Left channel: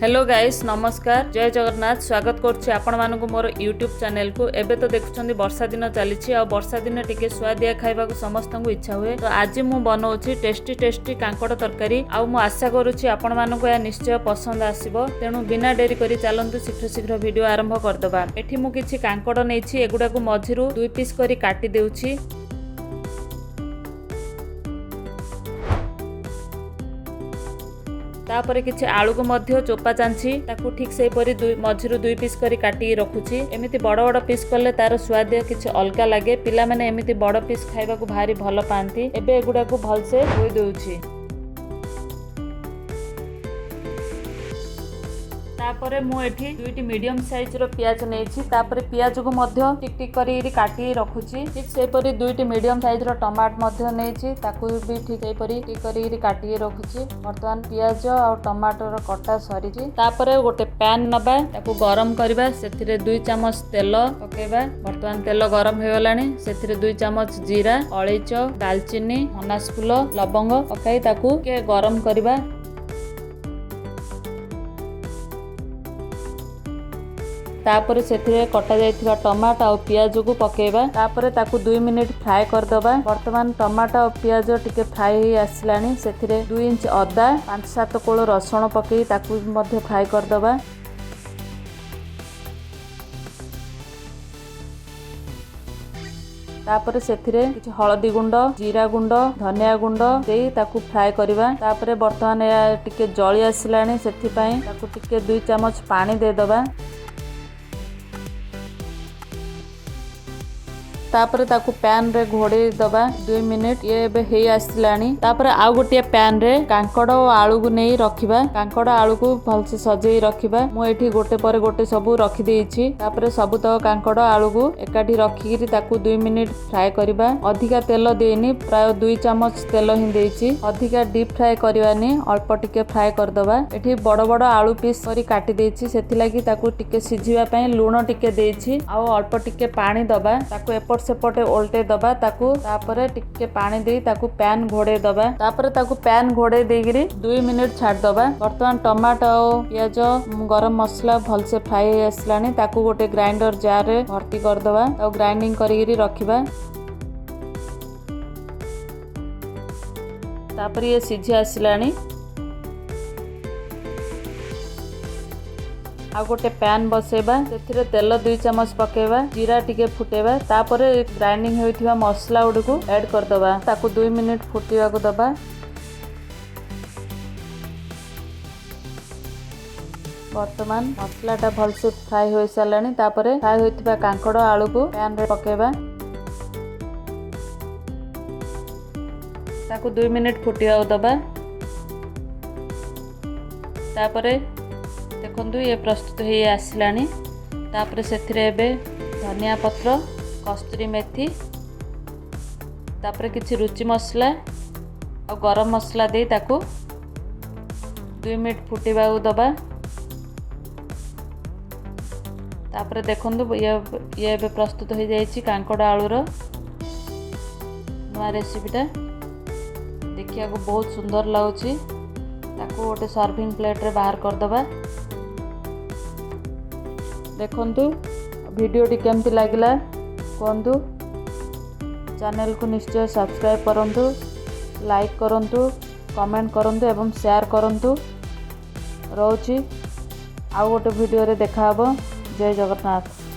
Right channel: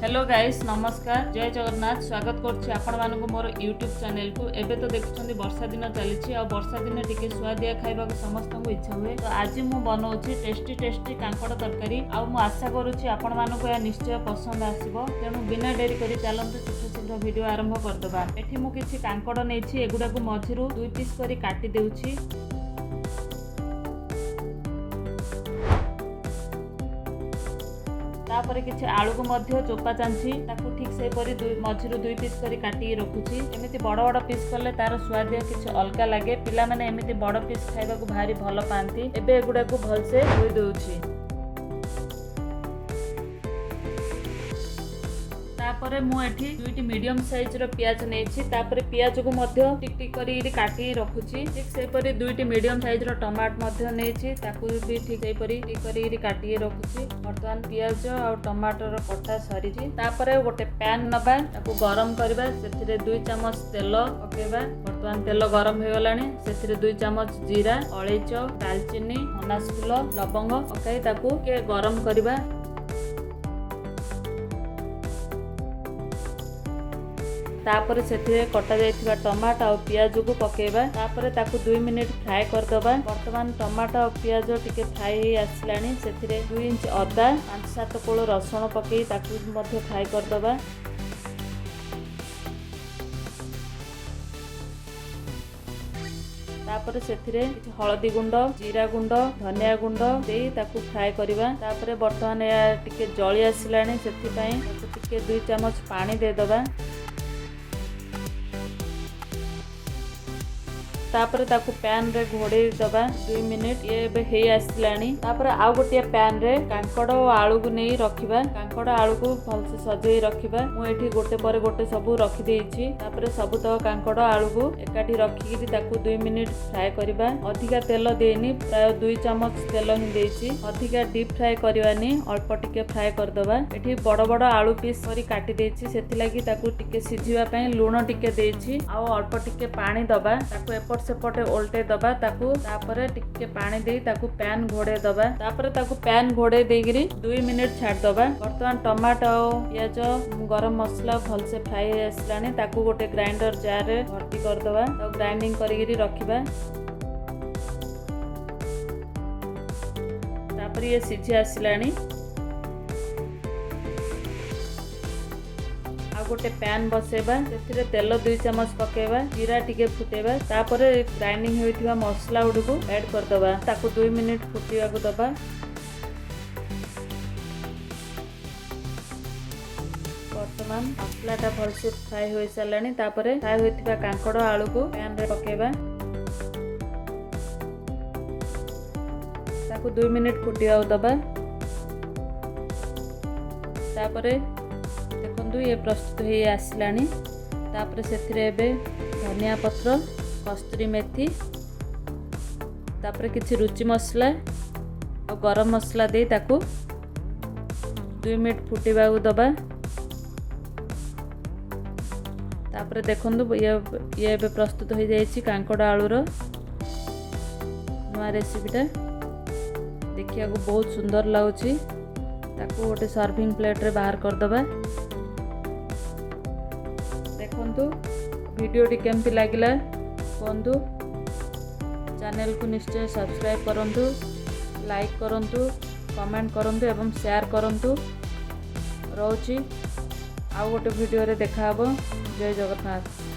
Hello guys नमस्कार जय जगन्नाथ स्वागत करुच्ची आपण मानक मोर यूट्यूब चैनल को एबे तो देखुछंदी वर्षा दिन चली आ वर्षा दिन टिके स्वादिया खाइबा को समस्त को इच्छा हुए तो आज मु बनाउछि टेस्टी कांकड़ तरकारी आ मु आशा करुच्ची आपण मानक या निश्चय पसंद आसीबो तेणु बिना डेरी करी चलंतु शीघ्र वीडियो आरंभ करदबा। एठी मु किछि कांकड़ नेछि एगुडा को मझिरु 2 पीस करी काटी देउछि। तापर किछि आलू को मध्य चोपा चांछि ताकू ठीक से परी मझिरु 2 पीस करी काटी रखुछि। एमिति बड़ बड़ पीस कले तार स्वाद किछि अलगा लागे पिला माने एमिति बड़ पीस खाइबा को भारी भल पांती। एबे एगुडा को भल से धोई देउछि। तापरे मु एठी 2टी मीडियम साइज रो प्याज नेछि तापरे प्याज को मध्य टिक टिक करी काटी रखुछि। ठीक से परी 2टी मीडियम साइज रो टमाटर मध्य नेछि ताकू भी ठीक से परी टिक करी काटी रखुछि। वर्तमान प्याज और टमाटर रो कटा सरीछि। तापरे गोटे पैन नबा ताकू गरम करबा सेथिरे 2 चम्मच तेल पकेबा। वर्तमान तेल गरम हो गलानी सेथिरे 2 चम्मच जीरा अलैच दालचीनी अनास फूल लवंग पकाई ताकू के गरम करबा। तापर सेथिरे कटा जाइथिबा टमाटो और प्याज को पकेबा। तापर ताकू 2 मिनिट फ्राई करदबा। वर्तमान टमाटो और प्याज टिके फ्राई हो आसलानी सेथिरे 2 इंच अदा 5-7 कोळ रसुण पकेई ताकू मध्ये फ्राई करदबा। तापर सेथिरे किछि हळदी गुंड जीरा गुंड धनिया गुंड देई ताकू फ्राई करबा। तापर वर्तमान टिके जळी आसलानी सेथि पई ताकू टिके 2 चम्मच पानी दे दबा। तापर ताकू पैन रे घोड़े दबा 2 मिनिट ये बे हे आसलानी। तापर आउ गोटे पैन रे कांकड़ और आलू को नहीं रखिबा। कांकड़ आलू को भल से सजेई रखिबा। मु एठी गोटे पर गोटे सब रखि देइछि। तापर सब तो कांकड़ आलू को एकाठी रखिकरी ताकू 2 मिनिट फ्राई करबा। अधिका तेल देनी प्राय 2 चम्मच तेल ही देइछि। अधिका डीप फ्राई करबानी अल्प टिके फ्राई कर दबा। एठी बड़ बड़ आलू पीस करी काटी देइछि सेथि लागि ताकू टिके सिझिबा पई लूण टिके देइछि आ अल्प टिके पानी दबा। ताकू एपट सेपटे ओल्टे दबा ताकू तापर टिके पानी दे ताकू पैन घोड़े दबा। तापर ताकू पैन घोड़े देगिरी 2 मिनिट छाड़ दबा। वर्तमान टमाटो प्याज गरम मसला भल से फ्राई हो आसलानी ताकू गोटे ग्राइंडर जार रे भर्ती कर दबा और ग्राइंडिंग करिगिरी रखिबा। तापर ये सिझी आसलानी आ गोटे पैन बसेबा सेथिरे तेल 2 चम्मच पकेबा जीरा टिके फुटेबा। तापर ग्राइंडिंग होइथिबा मसला उड को ऐड कर दबा ताकू 2 मिनिट फुटिबा को दबा। वर्तमान मसला टा भल से फ्राई हो सालानी। तापर फ्राई होइथिबा कांकड़ आलू को पैन रे पकेबा ताकू 2 मिनिट फुटिबा को दबा। तापर देखंतु ये प्रस्तुत हो आसलानी। तापर सेथिरे एबे धनिया पत्र कस्तूरी मेथी तापर किछि रुचि मसला और गरम मसला दे ताकू 2 मिनिट फुटिबा को दबा। तापर देखंतु ये एबे प्रस्तुत हो जाइछि कांकड़ आलूर नवा रेसिपीटा देखिया को बहुत सुंदर लागुछि। ताकू गोटे सर्विंग प्लेट रे बाहर कर दबा। देखंतु वीडियोटी केमती लागिला कहंतु। चैनल को निश्चय सब्सक्राइब करंतु लाइक करंतु कमेंट करंतु एवं शेयर करंतु। रहउछि आउ गोटे वीडियो रे देखा हबो। जय जगन्नाथ।